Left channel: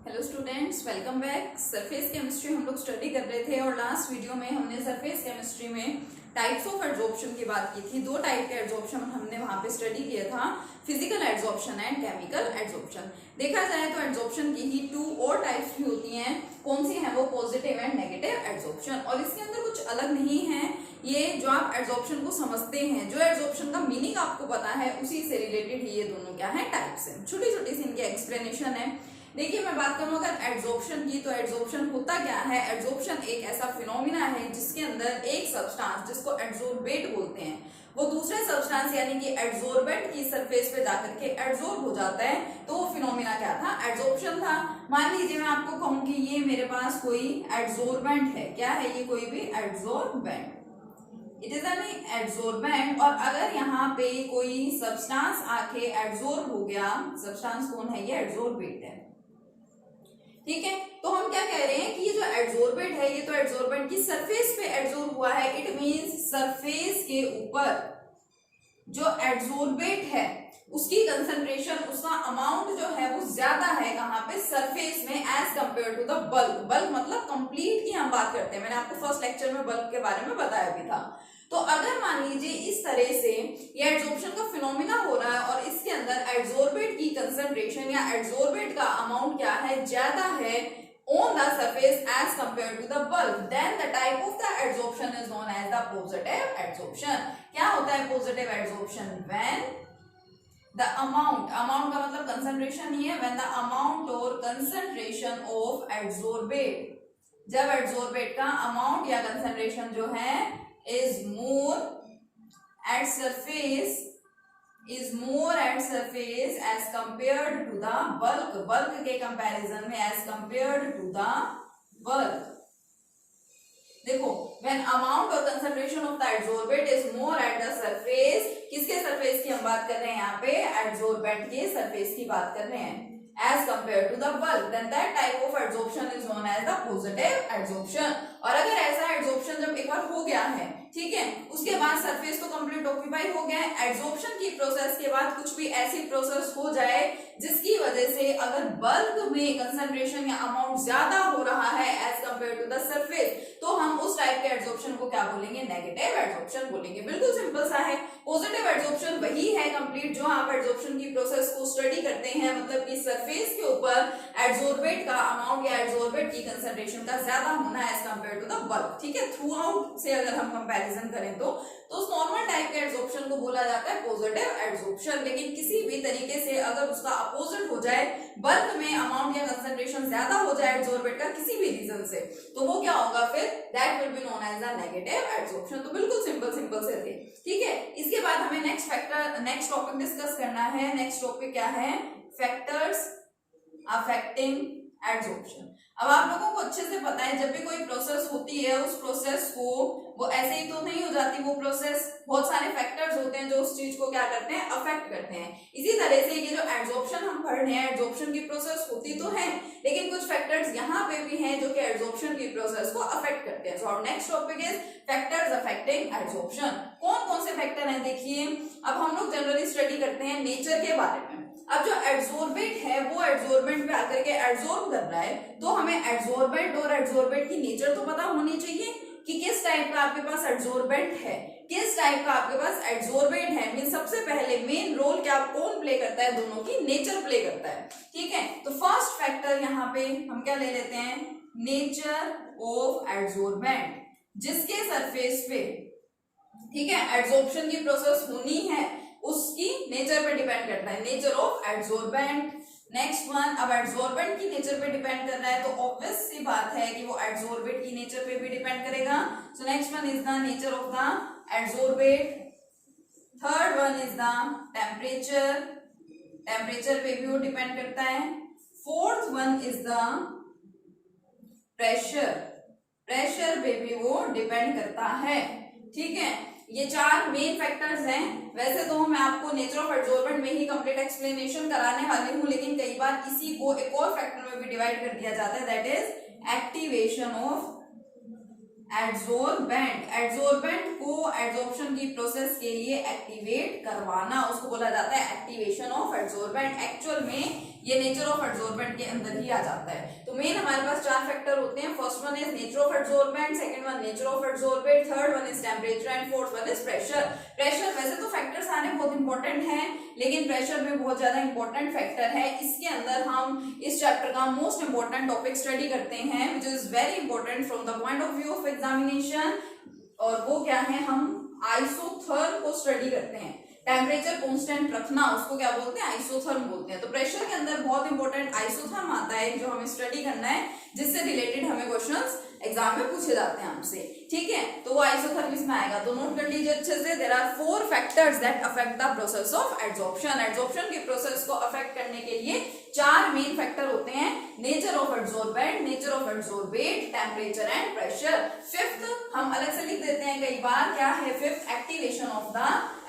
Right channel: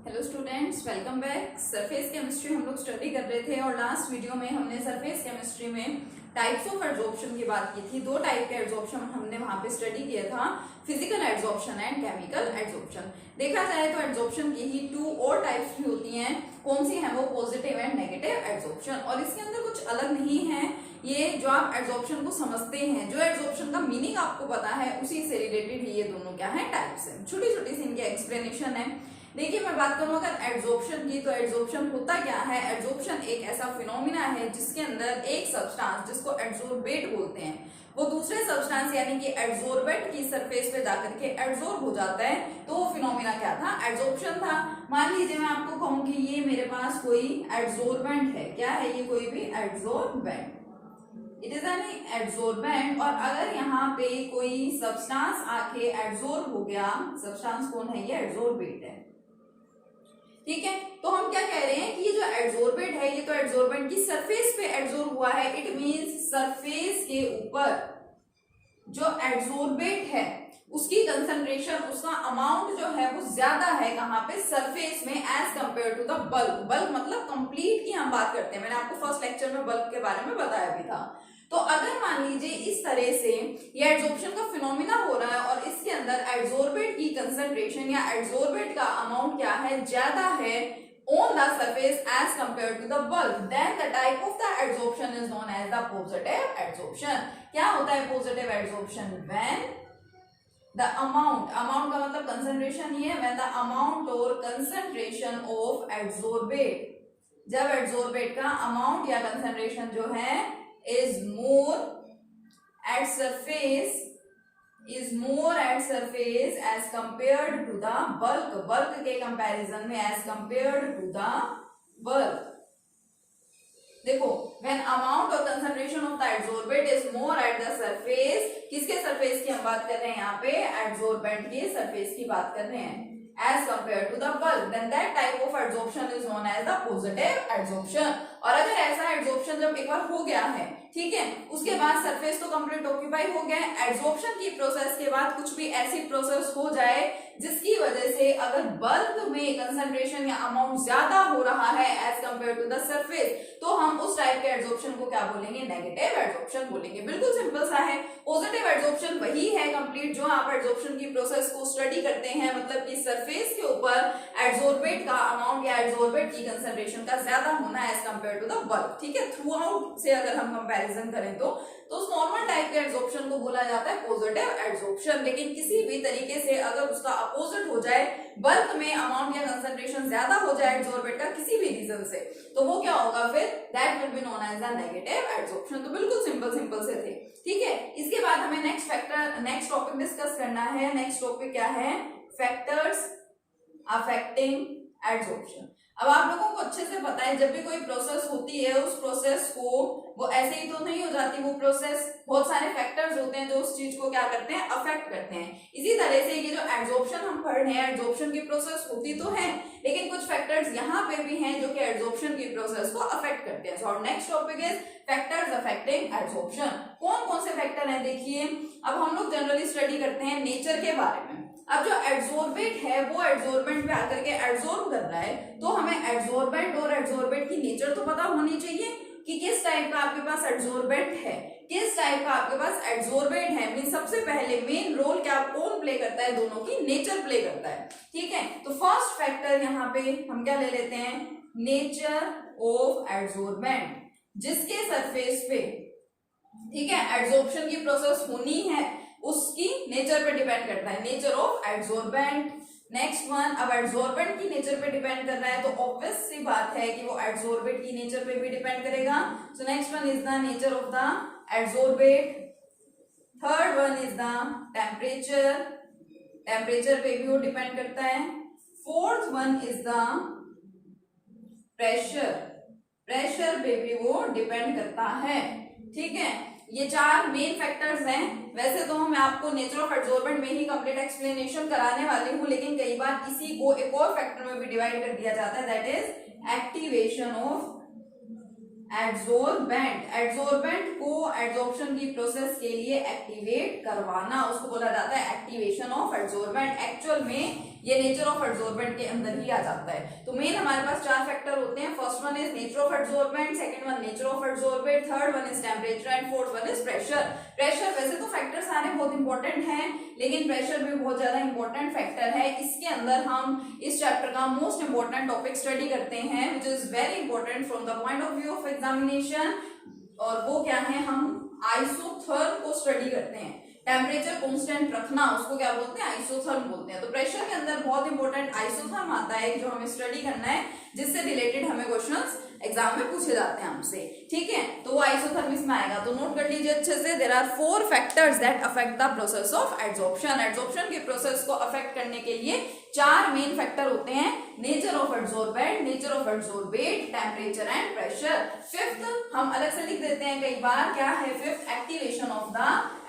Hello students, welcome back. Surface chemistry हम लोग study कर रहे थे और लास्ट वीडियो में हमने सरफेस केमिस्ट्री में टाइप्स ऑफ एड्सॉर्प्शन की बात की थी। दो टाइप के एड्सॉर्प्शन हमने वहां पे स्टडी किया था, physical adsorption and chemical adsorption. देखा जाए तो एड्सॉर्प्शन की ही टू और टाइप्स भी होती हैं। कौन सी है वो? Positive and negative adsorption. और इसके अंदर कुछ अलग नहीं है। ये जो आप एड्सॉर्प्शन को समझते हैं, जो एड्सॉर्प्शन का मीनिंग आपको पता है, उसी से रिलेटेड ही ये दोनों क्या है, टाइप्स है। छोटी छोटी सी इनकी एक्सप्लेनेशन है। देखिए, मैं बात करूं अगर एड्सॉर्प्शन की, तो एड्सॉर्प्शन होता क्या है? एड्सॉर्प्शन एक ऐसा फिनोमिना है जिसके अंदर एक सब्सटेंस, जिसको एड्सोर्बेट बोलते हैं, वो दूसरे सब्सटेंस यानी कि एड्सोर्बेंट की सरफेस पे जाकर के एड्सॉर्ब हो जाता है। तो वो फिनोमिना क्या था? एड्सॉर्प्शन था। मान लीजिए मैं आपको कहूं कि ये मेरे पास कोई एड्सोर्बेंट है। क्या है ये? कोई भी एड्सोर्बेंट, इट इज एन एड्सोर्बेंट। और अगर यहाँ पे कोई सब्सटेंस आके एड्सॉर्ब हो गया, सब्सटेंस कौन है? ये एड्सोर्बेट है। ठीक है, तो हम क्या कह रहे हैं कि ये जो एड्सोर्बेंट है, ये तो एड्सोर्बेंट की सरफेस पे एड्सॉर्ब हुआ है। इट मींस सरफेस के ऊपर जो एड्सोर्बेट है उसकी कंसंट्रेशन, उसका अमाउंट जो है वो ज्यादा है। कहां पे? सरफेस में, as compare to the bulk. Bulk मतलब कंप्लीट की हम बात करते हैं। मैंने आपको फर्स्ट लेक्चर में बल्क के बारे में बताया भी था। तो अगर मान लीजिए इस तरह से ये एड्सॉर्प्शन का फिनोमिना हो रहा है और इसके अंदर एड्सोर्बेट की कंसंट्रेशन या एड्सोर्बेट का अमाउंट क्या है? ज्यादा है on the surface as compared to the bulk, then the type of the adsorption is known as the positive adsorption. क्या होता है positive adsorption? When the amount का मतलब कंसंट्रेशन ही है, when the amount और concentration of adsorbate, जब एड्सोर्बेट का amount या कंसंट्रेशन जो है is more at surface as compared to the bulk के कंपैरिजन में as compared to the bulk। देखो, when amount और concentration of the adsorbate is more at the surface, किसके सरफेस की हम बात कर रहे हैं? यहाँ पे एड्सोर्बेंट के सरफेस की बात कर रहे हैं, as compared to the bulk, then that type of adsorption is known as the positive adsorption। और अगर ऐसा एड्सॉर्प्शन जब एक बार हो गया है, ठीक है, उसके बाद सरफेस तो कंप्लीट ऑक्यूपाई हो गया है, एड्सॉर्प्शन की प्रोसेस के बाद कुछ भी ऐसी प्रोसेस हो जाए जिसकी वजह से अगर बल्क में कंसंट्रेशन या अमाउंट ज्यादा हो रहा है as compare to the surface, तो हम उस टाइप के एड्सॉर्प्शन को क्या बोलेंगे? नेगेटिव एड्सॉर्प्शन बोलेंगे। बिल्कुल सिंपल सा है। पॉजिटिव एड्सॉर्प्शन वही है कंप्लीट जो आप एड्सॉर्प्शन की प्रोसेस को स्टडी करते हैं, मतलब कि सरफेस के ऊपर एड्सोर्बेट का अमाउंट या एड्सोर्बेट की कंसंट्रेशन का ज्यादा होना as compare to the bulk. ठीक है, थ्रू आउट से अगर हम कंपैरिजन करें तो उस नॉर्मल टाइप के एड्सॉर्प्शन को बोला जाता है पॉजिटिव एड्सॉर्प्शन। लेकिन किसी भी तरीके से अगर उसका अपोजिट हो जाए, बल्क में अमाउंट या कंसंट्रेशन ज्यादा हो जाए एड्सोर्बेट का किसी भी रीजन से, तो वो क्या होगा फिर? That will be known as the negative adsorption. तो बिल्कुल सिंपल से थे। ठीक है, इसके बाद हमें नेक्स्ट टॉपिक डिस्कस करना है। नेक्स्ट टॉपिक क्या है? Factors affecting adsorption. अब आप लोगों को अच्छे से पता है, जब भी कोई प्रोसेस होती है, उस प्रोसेस को वो ऐसे ही तो नहीं हो जाती। वो प्रोसेस, बहुत सारे फैक्टर्स होते हैं जो उस चीज को क्या करते हैं? अफेक्ट करते हैं। इसी तरह से ये जो एड्सॉर्प्शन हम पढ़ रहे हैं, एड्सॉर्प्शन की प्रोसेस होती तो है, लेकिन कुछ फैक्टर्स यहाँ पे भी हैं जो कि एड्सॉर्प्शन की प्रोसेस को अफेक्ट करते हैं। So next topic is factors affecting adsorption. कौन कौन से फैक्टर हैं? देखिए, अब हम लोग जनरली स्टडी करते हैं नेचर के बारे में। अब जो एड्सोर्बेट है वो एड्सोर्बेंट पे आकर के एड्सॉर्ब कर रहा है, तो हमें एड्सोर्बेंट और एड्सोर्बेट की नेचर तो पता होनी चाहिए कि किस टाइप का आपके पास एड्सोर्बेंट है, किस टाइप का आपके पास एड्सोर्बेंट है। मीन सबसे पहले मेन रोल क्या कौन प्ले करता है? दोनों की नेचर प्ले करता है। ठीक है, तो फर्स्ट फैक्टर यहाँ पे हम क्या ले लेते हैं? नेचर ऑफ एड्सोर्बेंट, जिसके सरफेस पे, ठीक है, एड्सॉर्प्शन की प्रोसेस होनी है, उसकी नेचर पे डिपेंड करता है। Nature of adsorbent. Next one, अब एड्सोर्बेंट की नेचर पे डिपेंड कर रहा है, तो ऑब्वियस सी बात है कि वो एड्सोर्बेट की नेचर पे भी डिपेंड करेगा। So next one is the nature of the adsorbate. Third one is the temperature, temperature पे भी वो डिपेंड करता है। Fourth one is the pressure, pressure पे भी वो डिपेंड करता है। ठीक है, ये चार मेन फैक्टर्स हैं। वैसे तो मैं आपको नेचर ऑफ एड्सोर्बेंट में ही कंप्लीट एक्सप्लेनेशन कराने वाली हूँ, लेकिन कई बार इसी को एक और फैक्टर में भी डिवाइड कर दिया जाता है, दैट इज एक्टिवेशन ऑफ एड्सोर्बेंट। एड्सोर्बेंट को एड्सॉर्प्शन की प्रोसेस के लिए एक्टिवेट करवाना, उसको बोला जाता है एक्टिवेशन ऑफ एड्सोर्बेंट। एक्चुअल में ये नेचर ऑफ एडसोर्बेंट के अंदर ही आ जाता है। तो मेन हमारे पास 4 फैक्टर होते हैं। First one is nature of adsorbent, second one nature of adsorbent, third one is temperature and fourth one is pressure. Pressure वैसे तो फैक्टर सारे बहुत इंपॉर्टेंट हैं, लेकिन प्रेशर भी बहुत ज्यादा इंपॉर्टेंट फैक्टर है। इसके अंदर हम इस चैप्टर का मोस्ट इंपॉर्टेंट टॉपिक स्टडी करते हैं which is very important from the point of view of examination, और वो क्या है, हम आइसोथर्म को स्टडी करते हैं। टेम्परेचर कांस्टेंट रखना उसको क्या बोलते हैं, आइसोथर्म बोलते हैं। तो प्रेशर के अंदर बहुत इंपॉर्टेंट आइसोथर्म आता है जो हमें स्टडी करना है, जिससे रिलेटेड हमें क्वेश्चंस एग्जाम में पूछे जाते हैं हमसे, ठीक है। तो वो आइसोथर्म इसमें आएगा, तो नोट कर लीजिए अच्छे से। There are 4 factors that affect the process of adsorption. Adsorption के प्रोसेस को अफेक्ट करने के लिए 4 मेन फैक्टर होते हैं, nature of adsorbent, nature of adsorbate, temperature and pressure. Fifth हम अलग से लिख देते हैं कई बार, क्या है fifth, activation of the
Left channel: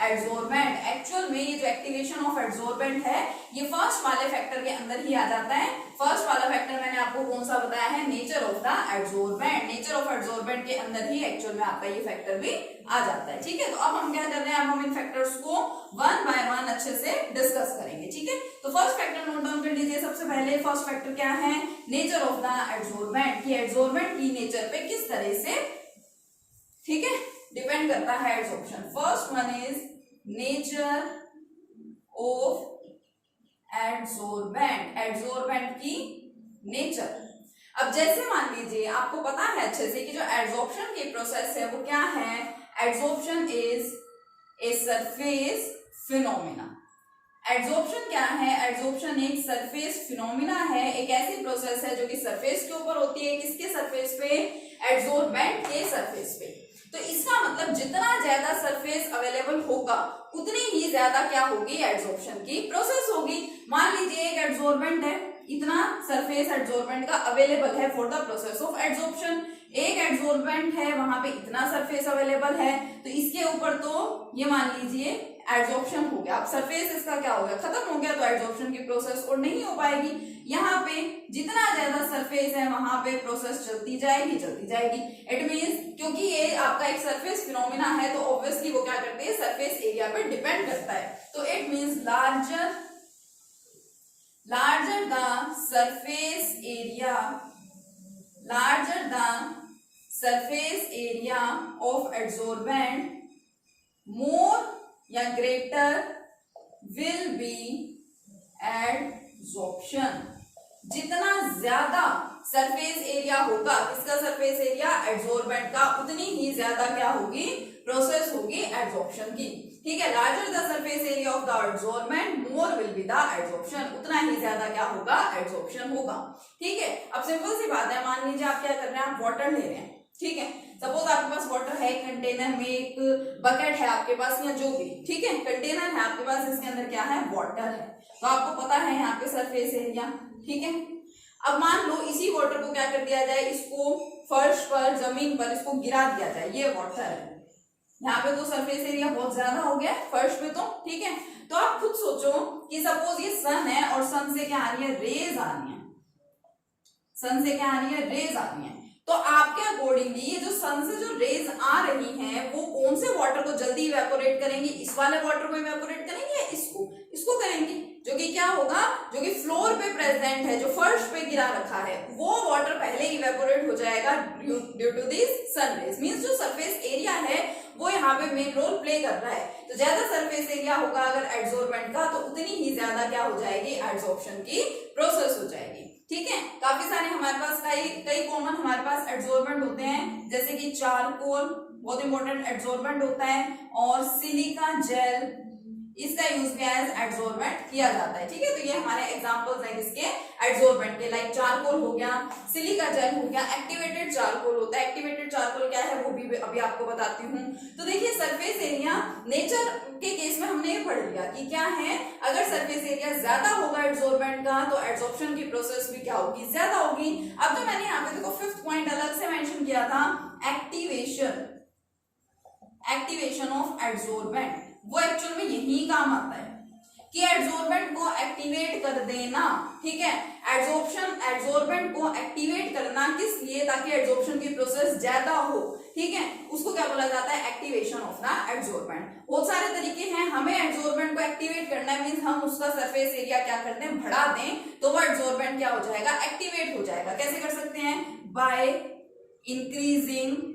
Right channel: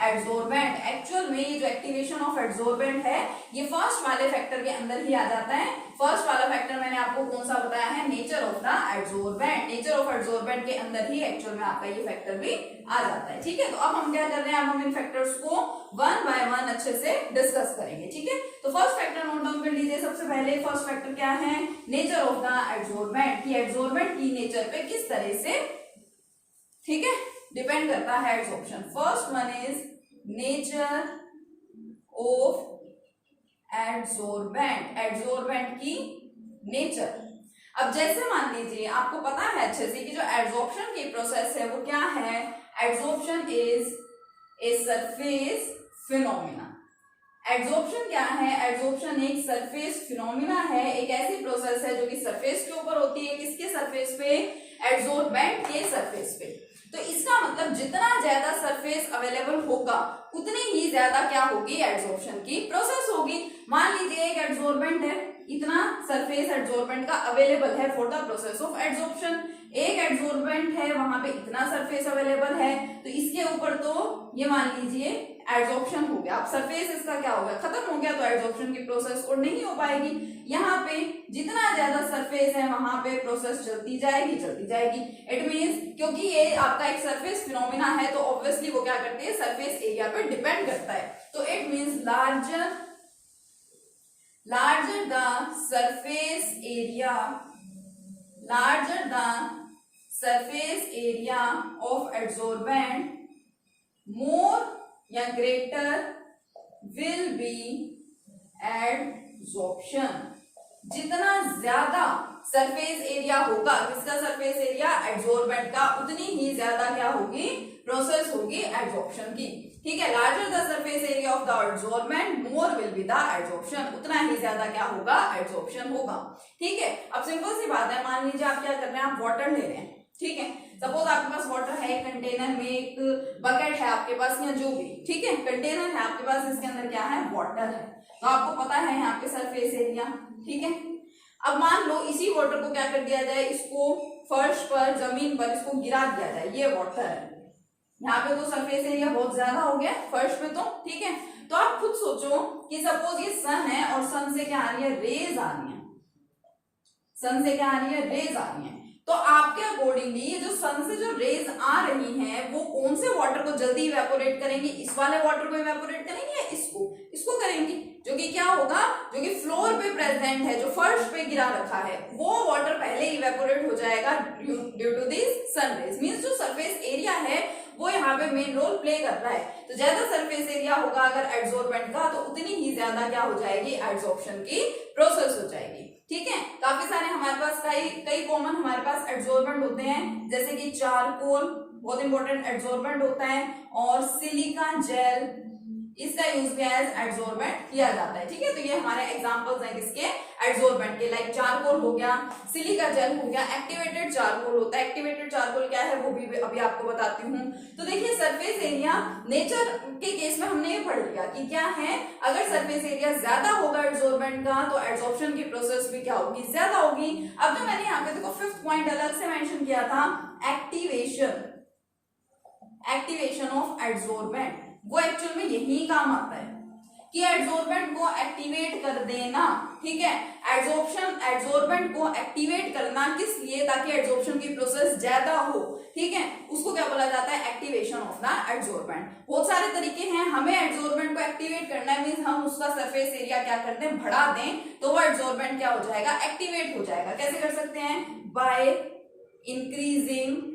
adsorbent. Actual में ये जो एक्टिवेशन ऑफ एडसोर्बेंट है ये फर्स्ट वाले फैक्टर के अंदर ही आ जाता है। फर्स्ट वाला फैक्टर मैंने आपको कौन सा बताया है, nature of the adsorbent. Nature of adsorbent के अंदर ही एक्चुअल में आपका ये फैक्टर भी आ जाता है, ठीक है। तो अब हम क्या कर रहे हैं, अब हम इन फैक्टर्स को वन बाय वन अच्छे से डिस्कस करेंगे, ठीक है। तो फर्स्ट फैक्टर नोट डाउन कर लीजिए। सबसे पहले फर्स्ट फैक्टर क्या है, नेचर ऑफ द एडसोर्बेंट, कि एडसोर्बेंट की नेचर पे किस तरह से, ठीक है, डिपेंड करता है adsorption. First one is nature of adsorbent, adsorbent की नेचर। अब जैसे मान लीजिए आपको पता है अच्छे से कि जो एडसॉर्प्शन की प्रोसेस है वो क्या है, adsorption is a surface phenomena. Adsorption क्या है, एडसॉर्प्शन एक सरफेस फिनोमिना है, एक ऐसी प्रोसेस है जो कि सरफेस के ऊपर होती है। किसके सरफेस पे, एडसोर्बेंट के सरफेस पे। तो इसका मतलब जितना ज्यादा सरफेस अवेलेबल होगा उतनी ही ज्यादा क्या होगी, एडसॉर्प्शन की प्रोसेस होगी। मान लीजिए एक एडसोर्बेंट है, इतना सरफेस एडसोर्बेंट का अवेलेबल है for the process of adsorption. एक एडसोर्बेंट है, वहां पे इतना सरफेस अवेलेबल है, तो इसके ऊपर तो ये मान लीजिए एडसॉर्प्शन हो गया। अब सरफेस इसका क्या हो गया, खत्म हो गया, तो एडसॉर्प्शन की प्रोसेस और नहीं हो पाएगी। यहाँ पे जितना ज्यादा सरफेस है वहां पे प्रोसेस चलती जाएगी चलती जाएगी। इट मींस क्योंकि ये आपका एक सरफेस फिनोमिना है, तो ऑब्वियसली वो क्या करते हैं, सरफेस एरिया पे डिपेंड करता है। तो it means larger the surface area, larger the surface area of adsorbent, more या greater will be adsorption। जितना ज्यादा सरफेस एरिया होगा, किसका सरफेस एरिया, एडसोर्बेंट का, उतनी ही ज्यादा क्या होगी, प्रोसेस होगी एडसॉर्प्शन की, ठीक है। Larger the surface area of the adsorbent more will be the adsorption, उतना ही ज्यादा क्या होगा, एडसॉर्प्शन होगा, ठीक है। अब सिंपल सी बात है, मान लीजिए आप क्या कर रहे हैं, आप वाटर ले रहे हैं, ठीक है। सपोज आपके पास वाटर है, एक कंटेनर में एक बकेट है आपके पास या जो भी, ठीक है, कंटेनर है आपके पास, इसके अंदर क्या है, वाटर है। तो आपको पता है यहाँ पे सरफेस एरिया, ठीक है। अब मान लो इसी वाटर को क्या कर दिया जाए, इसको फर्श पर, जमीन पर इसको गिरा दिया जाए, ये वाटर है, यहाँ पे तो सरफेस एरिया बहुत ज्यादा हो गया फर्श पे, तो ठीक है। तो आप खुद सोचो कि सपोज ये सन है और सन से क्या आ रही है, रेज आ रही है, सन से क्या आ रही है, रेज आ रही है। तो आपके अकॉर्डिंगली ये जो सन से जो रेज आ रही हैं वो कौन से वाटर को जल्दी इवेपोरेट करेंगी, इस वाले वाटर को इवेपोरेट करेंगी या इसको करेंगी, जो कि क्या होगा, जो कि फ्लोर पे प्रेजेंट है, जो फर्श पे गिरा रखा है, वो वाटर पहले इवेपोरेट हो जाएगा due to this sun rays. Means जो सरफेस एरिया है वो यहाँ पे मेन रोल प्ले कर रहा है। तो ज्यादा सरफेस एरिया होगा अगर एडसोर्बेंट का, तो उतनी ही ज्यादा क्या हो जाएगी, एडसॉर्प्शन की प्रोसेस हो जाएगी, ठीक है। काफी सारे हमारे पास कई कॉमन हमारे पास एडसोर्बेंट होते हैं, जैसे कि चारकोल बहुत इंपॉर्टेंट एडसोर्बेंट होता है, और सिलिका जेल, इसका यूज क्या है, एडसोर्बेंट किया जाता है, ठीक है। तो ये हमारे एग्जांपल्स हैं किसके, एडसोर्बेंट के, लाइक चारकोल हो गया, सिलिका जेल हो गया, एक्टिवेटेड चारकोल होता है। एक्टिवेटेड चारकोल क्या है वो भी अभी आपको बताती हूँ। तो देखिए सरफेस एरिया नेचर के केस में हमने ये पढ़ लिया कि क्या है, अगर सरफेस एरिया ज्यादा होगा एडसोर्बेंट का तो एडसॉर्प्शन की प्रोसेस भी क्या होगी, ज्यादा होगी। अब तो मैंने यहाँ पे देखो फिफ्थ पॉइंट अलग से मेंशन किया था, एक्टिवेशन ऑफ एडसोर्बेंट, वो एक्चुअल में यही काम आता है कि एडसोर्बेंट को एक्टिवेट कर देना, ठीक है। एड्सॉर्बेंट को एक्टिवेट करना किस लिए, ताकि एड्सॉर्प्शन की प्रोसेस ज्यादा हो, ठीक है, उसको क्या बोला जाता है, एक्टिवेशन ऑफ द एड्सॉर्बेंट। बहुत सारे तरीके हैं, हमें एड्सॉर्बेंट को एक्टिवेट करना है, मींस हम उसका सरफेस एरिया क्या करते हैं, बढ़ा दें, तो वो एड्सॉर्बेंट क्या हो जाएगा, एक्टिवेट हो जाएगा। कैसे कर सकते हैं, bye increasing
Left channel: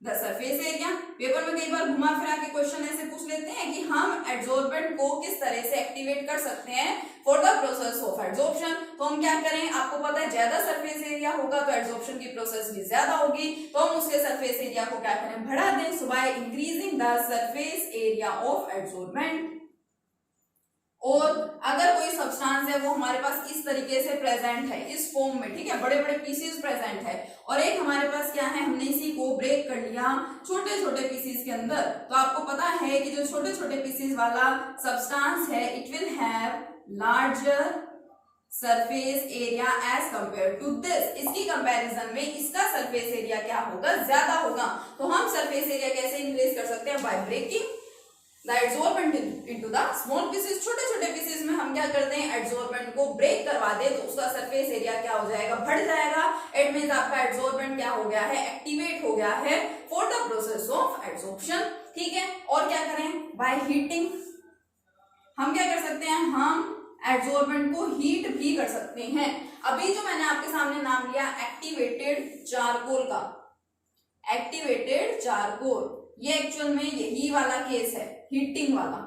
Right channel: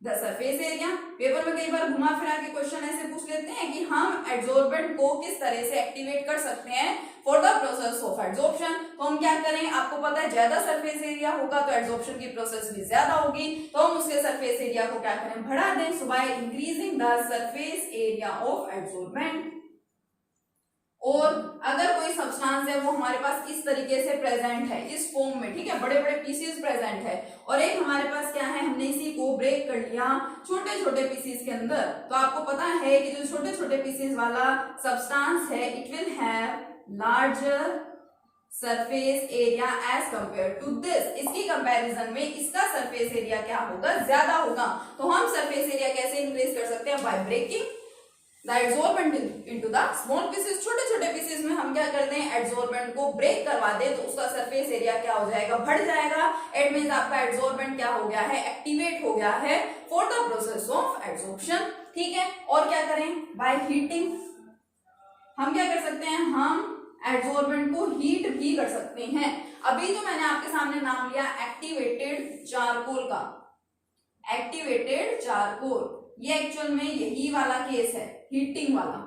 the surface area. Paper में कई बार घुमा फिरा के क्वेश्चन ऐसे पूछ लेते हैं कि हम एड्सॉर्बेंट को किस तरह से एक्टिवेट कर सकते हैं for the process of adsorption. तो हम क्या करें, आपको पता है ज्यादा सरफेस एरिया होगा तो एड्सॉर्प्शन की प्रोसेस भी ज्यादा होगी, तो हम उसके सरफेस एरिया को क्या करें, बढ़ा दें। So by increasing the surface area of adsorbent. और अगर कोई सब्सटेंस है वो हमारे पास इस तरीके से प्रेजेंट है, इस फॉर्म में, ठीक है, बड़े बड़े पीसेस प्रेजेंट है, और एक हमारे पास क्या है, हमने इसी को ब्रेक कर लिया छोटे छोटे पीसेस के अंदर, तो आपको पता है कि जो छोटे छोटे पीसेस वाला सब्सटेंस है, it will have larger surface area as compare to this. इसकी कंपैरिजन में इसका सरफेस एरिया क्या होगा, ज्यादा होगा। तो हम सरफेस एरिया कैसे इंक्रीज कर सकते हैं, by breaking the adsorbent into the small pieces. छोटे छोटे पीसेस में हम क्या करते हैं, एड्सॉर्बेंट को ब्रेक करवा दे, तो उसका सरफेस एरिया क्या हो जाएगा, बढ़ जाएगा। इट मींस आपका एड्सॉर्बेंट क्या हो गया है, एक्टिवेट हो गया है for the process of adsorption, ठीक है। और क्या करें, बाय हीटिंग। हम क्या कर सकते हैं, हम एड्सॉर्बेंट को हीट भी कर सकते हैं। अभी जो मैंने आपके सामने नाम लिया एक्टिवेटेड चारकोल का, एक्टिवेटेड चारकोल, ये एक्चुअल में यही वाला केस है, हीटिंग वाला,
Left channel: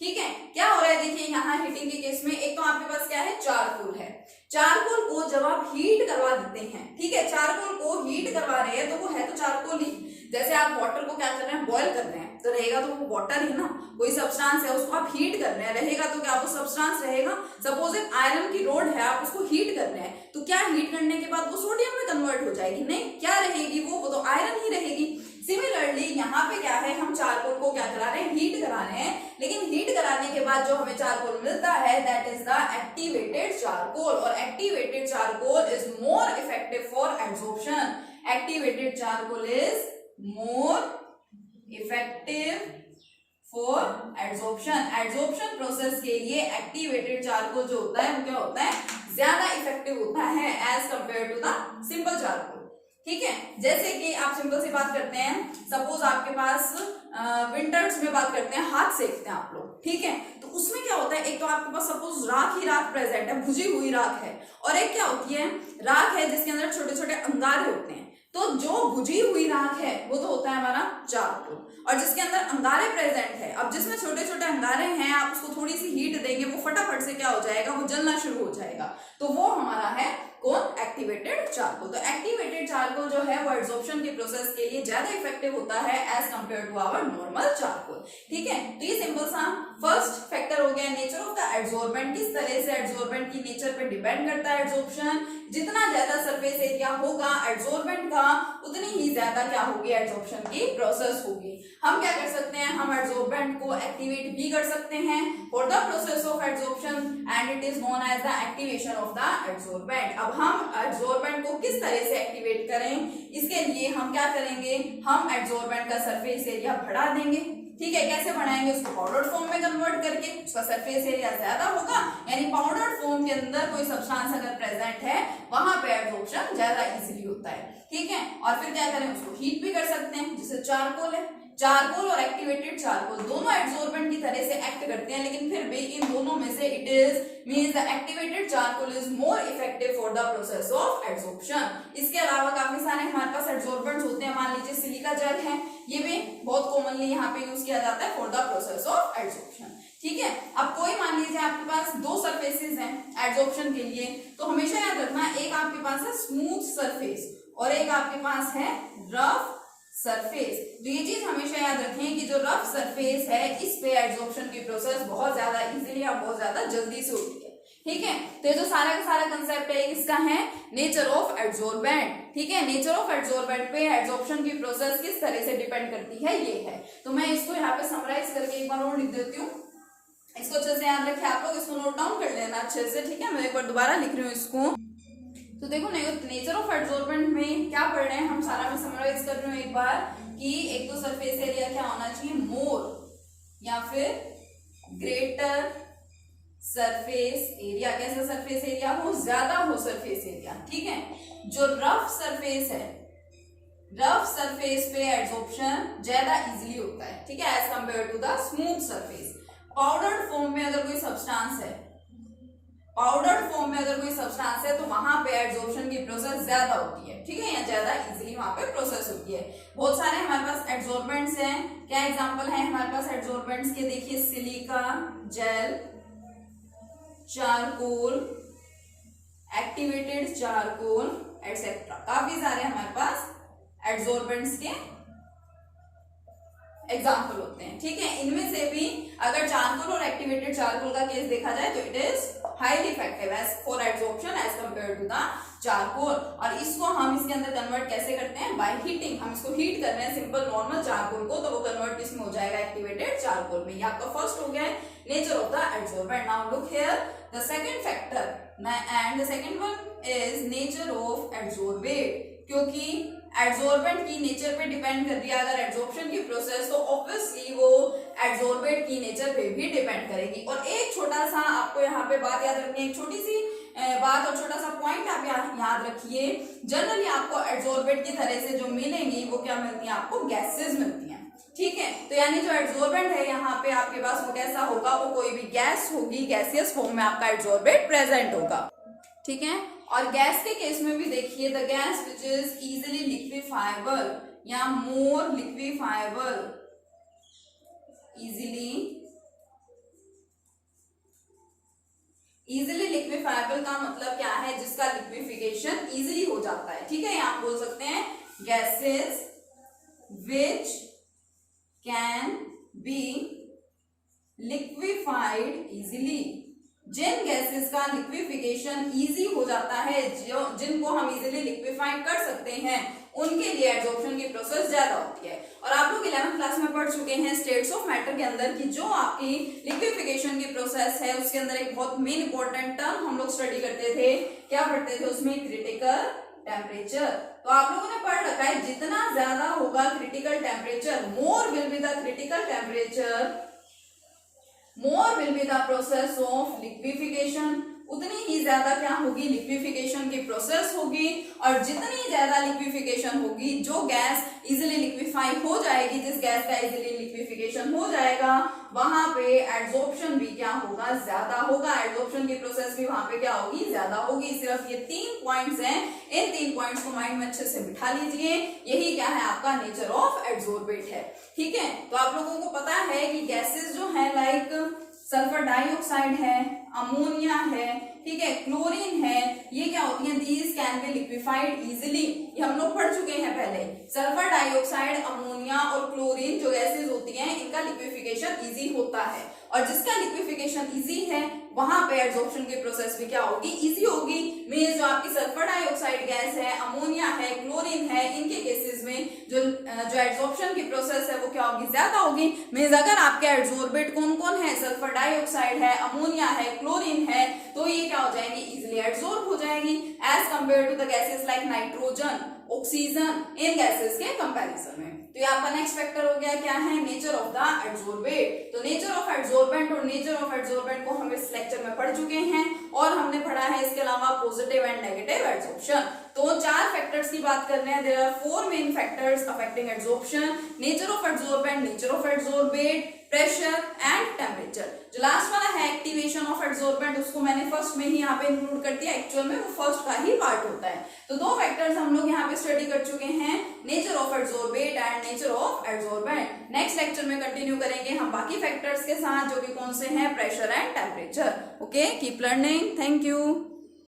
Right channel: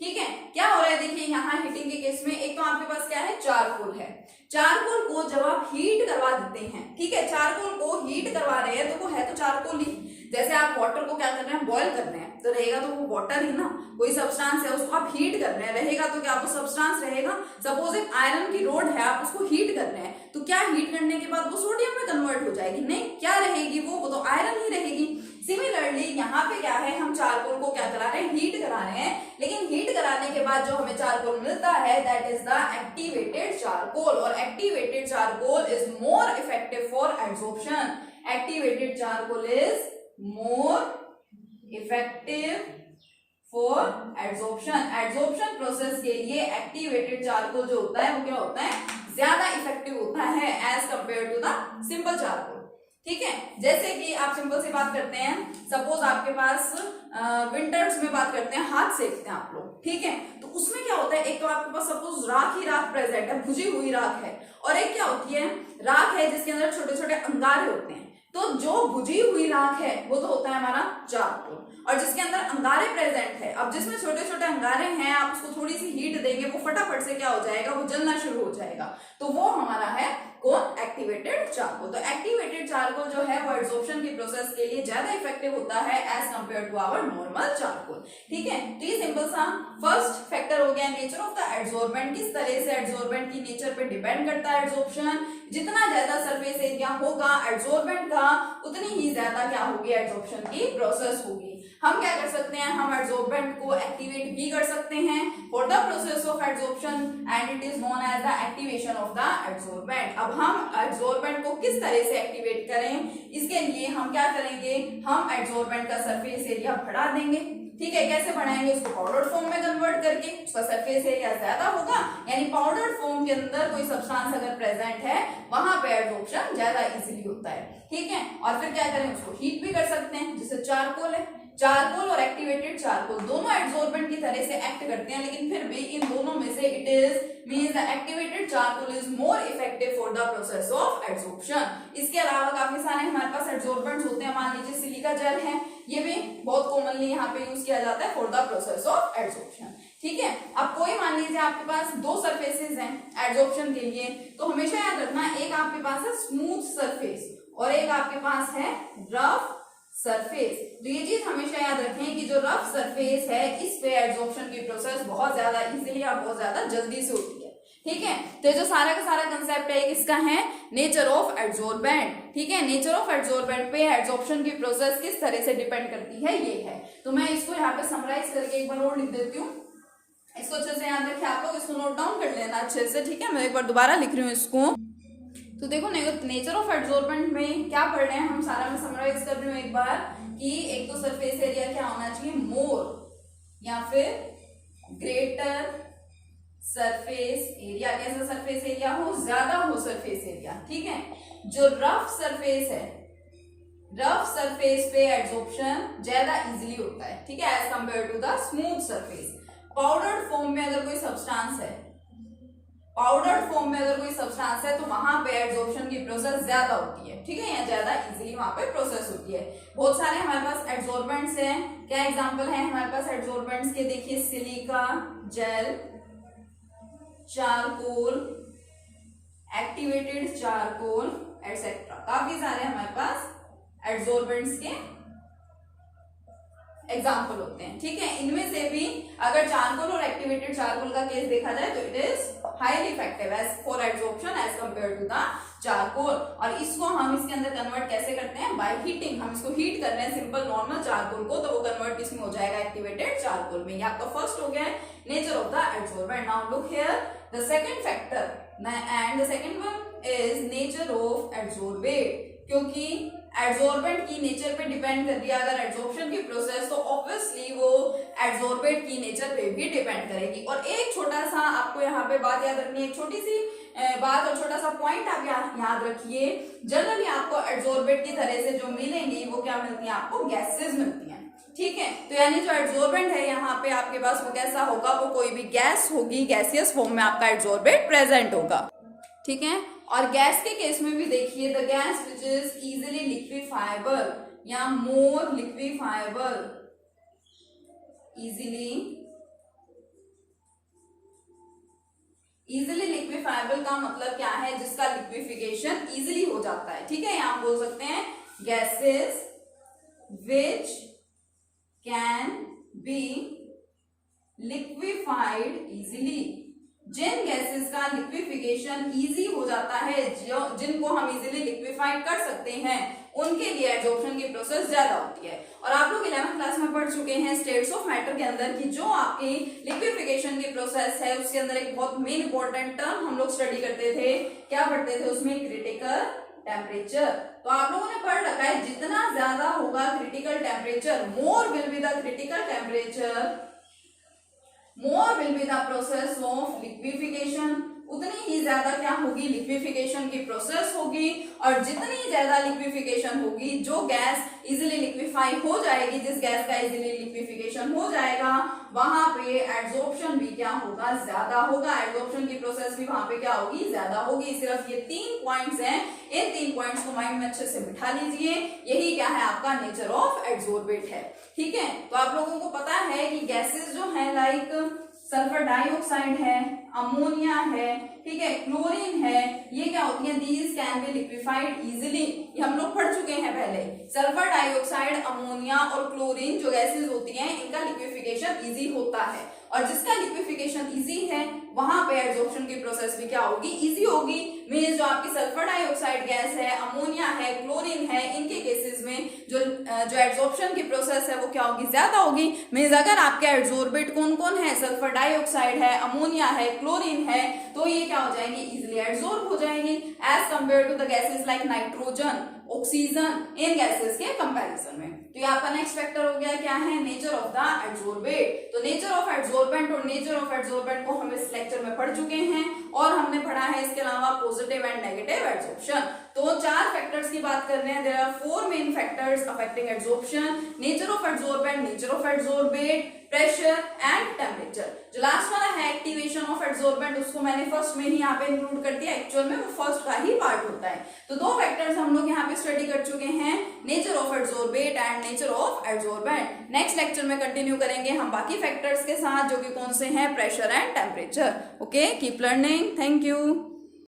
ठीक है। क्या हो रहा है, देखिए यहाँ हीटिंग के केस में एक तो आपके पास क्या है, चारकोल है। चारकोल को जब आप हीट करवा देते हैं, ठीक है, चारकोल को हीट करवा रहे हैं, तो वो है तो चारकोल ही। जैसे आप वाटर को क्या कर रहे हैं, बॉयल कर रहे हैं, तो रहेगा तो वो वाटर ही ना, कोई सब्सटेंस है उसको आप हीट कर रहे हैं, रहेगा तो क्या वो सब्सटेंस रहेगा। सपोज एक आयरन की रोड है, आप उसको हीट कर रहे हैं, तो क्या हीट करने के बाद वो सोडियम में कन्वर्ट हो जाएगी, नहीं, क्या रहेगी वो तो आयरन ही रहेगी। सिमिलरली यहाँ पे क्या है, हम चारकोल को क्या करा रहे हैं, हीट करा रहे हैं, लेकिन हीट कराने के बाद जो हमें चारकोल मिलता है, that is the activated charcoal. और activated charcoal is more effective for adsorption. Activated charcoal is more effective for adsorption. Adsorption process के लिए एक्टिवेटेड चारकोल जो होता है वो क्या होता है, ज्यादा इफेक्टिव होता है as compare to the simple charcoal, ठीक है। जैसे कि आप सिंपल सी बात करते हैं, सपोज आपके पास विंटर्स में बात करते हैं, हाथ सेकते हैं आप लोग, ठीक है, तो उसमें क्या होता है, एक तो आपके पास सपोज राख ही राख प्रेजेंट है, भुजी हुई राख है, और एक क्या होती है, राख है जिसके अंदर छोटे छोटे अंगारे होते हैं। तो जो भुजी हुई राख है वो तो होता है हमारा चारकोल, और जिसके अंदर अंगारे प्रेजेंट है, अब जिसमें छोटे छोटे अंगारे हैं, आप उसको थोड़ी सी हीट देंगे, वो फटाफट से क्या हो जाएगा, वो जलना शुरू हो जाएगा, तो वो हमारा है कौन, एक्टिवेटेड चारकोल। तो एक्टिवेटेड चारकोल जो है वो एड्सॉर्प्शन की प्रोसेस के लिए ज्यादा इफेक्टिव होता है as compare to our normal charcoal, ठीक है। तो ये सिंपल सा फर्स्ट फैक्टर हो गया, नेचर ऑफ द एड्सॉर्बेंट। किस तरह से एड्सॉर्बेंट की नेचर पे डिपेंड करता है एड्सॉर्प्शन। जितना ज्यादा सरफेस एरिया होगा एड्सॉर्बेंट का, उतनी ही ज्यादा क्या होगी, एड्सॉर्प्शन की प्रोसेस होगी। हम क्या कर सकते हैं, हम एड्सॉर्बेंट को एक्टिवेट भी कर सकते हैं for the process of adsorption, and it is known as the activation of the adsorbent. अब हम एड्सॉर्बेंट को किस तरह से एक्टिवेट करें, इसके लिए हम क्या करेंगे, हम एड्सॉर्बेंट का सरफेस एरिया बढ़ा देंगे, ठीक है। कैसे बढ़ाएंगे, उसको पाउडर फॉर्म में कन्वर्ट करके, उसका सरफेस एरिया ज्यादा होगा, यानी पाउडर फॉर्म के अंदर कोई सब्सटेंस अगर प्रेजेंट है वहां पे एड्सॉर्प्शन ज्यादा इजीली होता है, ठीक है। और फिर क्या करें, उसको हीट भी कर सकते हैं, जैसे चारकोल है, चारकोल और एक्टिवेटेड चारकोल दोनों एड्सॉर्बेंट की तरह से एक्ट करते हैं, लेकिन फिर भी इन दोनों में से it is means the activated charcoal is more effective for the process of adsorption. इसके अलावा काफी सारे हमारे पास एड्सॉर्बेंट्स होते हैं, मान लीजिए सिलिका जेल है, ये भी बहुत कॉमनली यहाँ पे यूज किया जाता है for the process of adsorption, ठीक है। अब कोई मान लीजिए आपके पास दो सरफेसेस हैं एड्सॉर्प्शन के लिए, तो हमेशा याद रखना, एक आपके पास है स्मूथ सरफेस और एक आपके पास है रफ सरफेस। तो ये चीज हमेशा याद रखें कि जो रफ सरफेस है इस पे एड्सॉर्प्शन की प्रोसेस बहुत ज्यादा इजीली और बहुत ज्यादा जल्दी से होती है, ठीक है। तो ये जो सारा का सारा कंसेप्ट है किसका है, नेचर ऑफ एड्सॉर्बेंट, ठीक है। नेचर ऑफ एड्सॉर्बेंट पे एड्सॉर्प्शन की प्रोसेस किस तरह से डिपेंड करती है, ये है। तो मैं इसको यहाँ पे समराइज करके एक बार और लिख देती हूँ, इसको अच्छे से याद रखें आप लोग, इसको नोट डाउन कर लेना अच्छे से, ठीक है। मैं एक बार दोबारा लिख रही हूँ इसको। तो देखो नेचर ऑफ एड्सॉर्बेंट में क्या पढ़ रहे हैं हम, सारा मैं समराइज कर रही हूँ एक बार, कि एक तो सरफेस एरिया क्या होना चाहिए, मोर या फिर ग्रेटर सरफेस एरिया, कैसा सरफेस एरिया हो, ज्यादा हो सरफेस एरिया, ठीक है। जो रफ सरफेस है, रफ सरफेस पे एड्सॉर्प्शन ज्यादा इजीली होता है, ठीक है, as compare to the smooth surface. Powdered form में अगर कोई सब्सटेंस है, पाउडर्ड फॉर्म में अगर कोई सब्सटेंस है तो वहां पे एड्सॉर्प्शन की प्रोसेस ज्यादा होती है, ठीक है, या ज्यादा इजीली वहां पे प्रोसेस होती है। बहुत सारे हमारे पास एड्सॉर्बेंट्स हैं, क्या एग्जांपल है हमारे पास एड्सॉर्बेंट्स के, देखिए silica gel, charcoal, activated charcoal etcetera, काफी सारे हमारे पास एड्सॉर्बेंट्स के एग्जाम्पल होते हैं, ठीक है। इनमें से भी अगर चारकोल और एक्टिवेटेड चारकोल का केस देखा जाए तो it is highly effective as for adsorption as compare to the charcoal. और इसको हम इसके अंदर कन्वर्ट कैसे करते हैं, बाय हीटिंग। हम इसको हीट कर रहे हैं सिंपल नॉर्मल चारकोल को, तो वो कन्वर्ट किसमें हो जाएगा, एक्टिवेटेड चारकोल में। ये आपका फर्स्ट हो गया है nature of the adsorbent. Now look here the second factor and the second one is nature of adsorbate, क्योंकि एड्सॉर्बेंट की नेचर पे डिपेंड कर रही है अगर एड्सॉर्प्शन की प्रोसेस, तो ऑब्वियसली वो एड्सॉर्बेंट की नेचर पे भी डिपेंड करेगी। और एक छोटा सा आपको यहाँ पे बात याद रखनी है, एक छोटी सी बात और छोटा सा पॉइंट आप याद रखिए, जनरली आपको एड्सॉर्बेंट की तरह से जो मिलेंगी वो क्या मिलती है, आपको गैसेस मिलती हैं, ठीक है। तो यानी जो एड्सॉर्बेंट है यहाँ पे आपके पास वो कैसा होगा, वो कोई भी गैस होगी, गैसियस फॉर्म में आपका एड्सॉर्बेंट प्रेजेंट होगा, ठीक है। और गैस के केस में भी देखिए, the gas which is easily liquefiable या मोर लिक्विफाइबल, इजिली लिक्विफाइबल का मतलब क्या है, जिसका लिक्विफिकेशन इजिली हो जाता है, ठीक है। यहां बोल सकते हैं gases which can be liquefied easily, जिन गैसेस का लिक्विफिकेशन इजी हो जाता है, जिनको हम इजीली लिक्विफाइड कर सकते हैं, उनके लिए एड्सॉर्प्शन की प्रोसेस ज्यादा होती है। और आप लोग 11th क्लास में पढ़ चुके हैं स्टेट्स ऑफ मैटर के अंदर कि जो आपकी लिक्विफिकेशन की प्रोसेस है उसके अंदर एक बहुत मेन इंपॉर्टेंट टर्म हम लोग स्टडी करते थे, क्या पढ़ते थे उसमें, क्रिटिकल टेम्परेचर। तो आप लोगों ने पढ़ रखा है जितना ज्यादा होगा critical temperature, more will be the critical temperature, more will be the process of liquefaction, उतनी ही ज्यादा क्या होगी, लिक्विफिकेशन की प्रोसेस होगी। और जितनी ज्यादा लिक्विफिकेशन होगी, जो गैस इजीली लिक्विफाई हो जाएगी, जिस गैस का इजीली लिक्विफिकेशन हो जाएगा, वहां पे एड्सॉर्प्शन भी क्या होगा, ज्यादा होगा, एड्सॉर्प्शन की प्रोसेस भी वहां पे क्या होगी, ज्यादा होगी। सिर्फ ये 3 पॉइंट्स हैं, इन 3 पॉइंट्स को माइंड में अच्छे से बिठा लीजिए, यही क्या है आपका नेचर ऑफ एड्सॉर्बेट है, ठीक है। तो आप लोगों को पता है कि गैसेस जो है लाइक सल्फर डाइऑक्साइड है, अमोनिया है, ठीक है, क्लोरीन है, ये क्या होती है, these can be liquefied easily, ये हम लोग पढ़ चुके हैं पहले। सल्फर डाइऑक्साइड, अमोनिया और क्लोरीन जो गैसेस होती हैं, इनका लिक्विफिकेशन इजी होता है, और जिसका लिक्विफिकेशन इजी है वहां पे एड्सॉर्प्शन की प्रोसेस भी क्या होगी, इजी होगी। मींस जो आपकी सल्फर डाइऑक्साइड गैस है, अमोनिया है, क्लोरीन है, इनके केसेस में जो एड्सॉर्प्शन की प्रोसेस है वो क्या होगी, ज्यादा होगी। मींस अगर आपके एड्सॉर्बेट कौन कौन है, सल्फर डाइऑक्साइड है, अमोनिया है, क्लोरीन है, तो ये क्या हो जाएंगी, इजिली एड्सॉर्ब हो जाएंगी as compare to the gases like nitrogen, oxygen, इन गैसेस के कंपैरिजन में। तो ये आपका नेक्स्ट फैक्टर हो गया, क्या है, नेचर ऑफ द एड्सॉर्बेट। तो नेचर ऑफ एड्सॉर्बेंट और नेचर ऑफ एड्सॉर्बेंट को हम इस लेक्चर में पढ़ चुके हैं, और हमने पढ़ा है इसके अलावा पॉजिटिव एंड नेगेटिव एड्सॉर्प्शन। तो 4 फैक्टर्स की बात कर रहे हैं, there are 4 main factors affecting adsorption, nature of adsorbent, nature of adsorbate, pressure and temperature. जो लास्ट वाला है एक्टिवेशन ऑफ एड्सॉर्बेंट, उसको मैंने फर्स्ट में ही यहाँ पे इंक्लूड कर दिया, एक्चुअल में वो फर्स्ट का ही पार्ट होता है। तो 2 फैक्टर्स हम लोग यहाँ पे स्टडी कर चुके हैं, nature of adsorbate and nature of adsorbent. Next lecture में कंटिन्यू करेंगे हम बाकी फैक्टर्स के साथ, जो कि कौन से हैं, pressure and temperature. Okay, keep learning, thank you.